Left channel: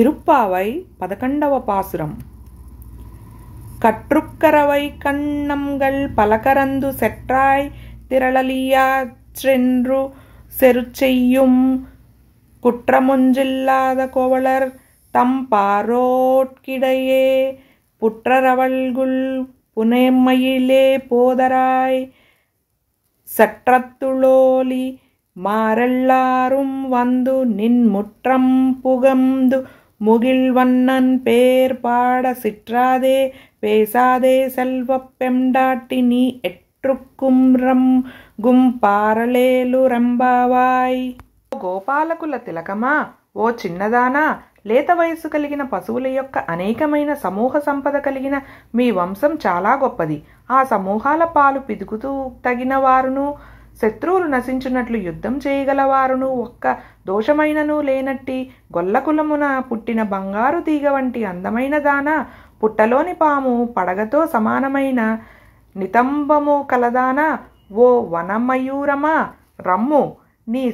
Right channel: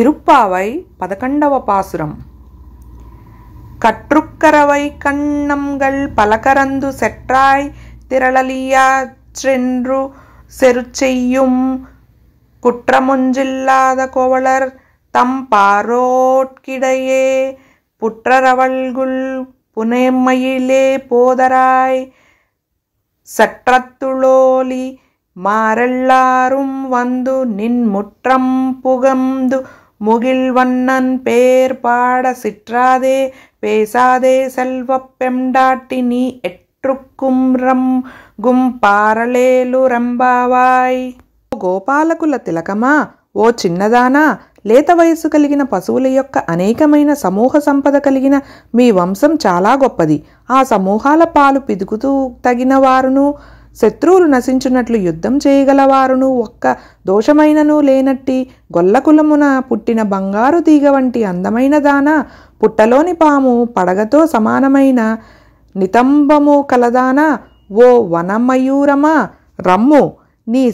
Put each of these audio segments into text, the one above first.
திருப்பாவை 11వ பாசுரம். கற்றுக்கரவை கண்ணம்கள் பலகரந்து செற்றாய் திரளலியாற்றென்று செருச்செய்யும் குற்றமொன்றில்லாத கோவலர் தம்பாரோட்கிடையே புற்றரவல்குள் புனேமயிலே போதராய் சற்றத்துளோலி மாரெல்லாரும் வந்து நின் முற்றம் புகந்து முகில்வண்ணன் பேர் பாட சிற்றாதே பேசாதே செல்வப் பெம்டாட்டி நீ ఎట్రుక్కుం రంగుం పారలేలు రంబావాయ్. గోపాలకుల తిలకమా, ఓ చిన్నదానా, లేత వయస్సు కలిగిన పశువుల యొక్క అనేకమైన సమూహ సంపద కలిగిన మీ వంశం చాలా గొప్పది. ఆ సమూహాల పాలు పిదుకుతూ తగిన వారును, శత్రువులు నశించున్నట్లు యుద్ధం చేయగలవారును, ఒక్క దోషమైనను లేనట్టి గొల్లకులమున పుట్టిన బంగారు తీగ వంటి అందమైన దానా, పుట్టలోని పాము పడగతో సమానమైన నితంబము కలదానా, ఓ వనమయూరమా రమ్ము, నీ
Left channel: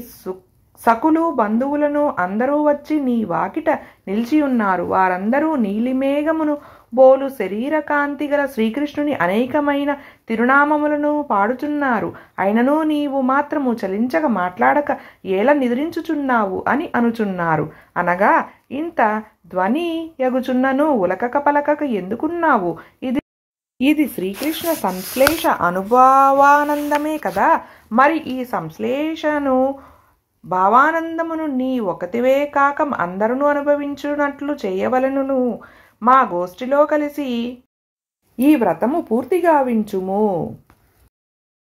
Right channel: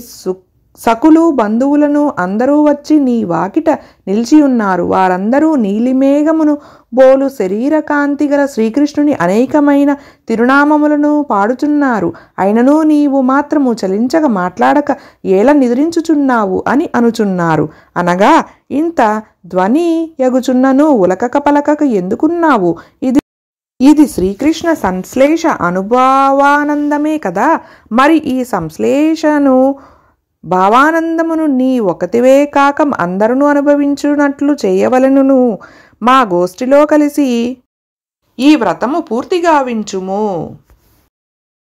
సకులు బంధువులను అందరూ వచ్చి నీ వాకిట నిలిచియున్నారు. వారందరూ నీలిమేఘమును బోలు శరీర కాంతి గల శ్రీకృష్ణుని అనేకమైన తిరునామములను పాడుచున్నారు. అయినను నీవు మాత్రము చలించక మాట్లాడక ఏల నిద్రించుచున్నావు అని అనుచున్నారు. అనగా ఇంత ధ్వని యగుచున్నను ఉలకక పలకక ఎందుకున్నావు? ఇది శ్రీకృష్ణ సంశ్లేష అనుభవానందమే కదా. మరి ఈ సంశ్లేషను భావానందమును నీ ఒకటివే కాక అందరూ అనుభవించున్నట్లు చేయవలెనును. మా గోష్ఠిలో కలిసి ఈ వ్రతము పూర్తిగా వించుము.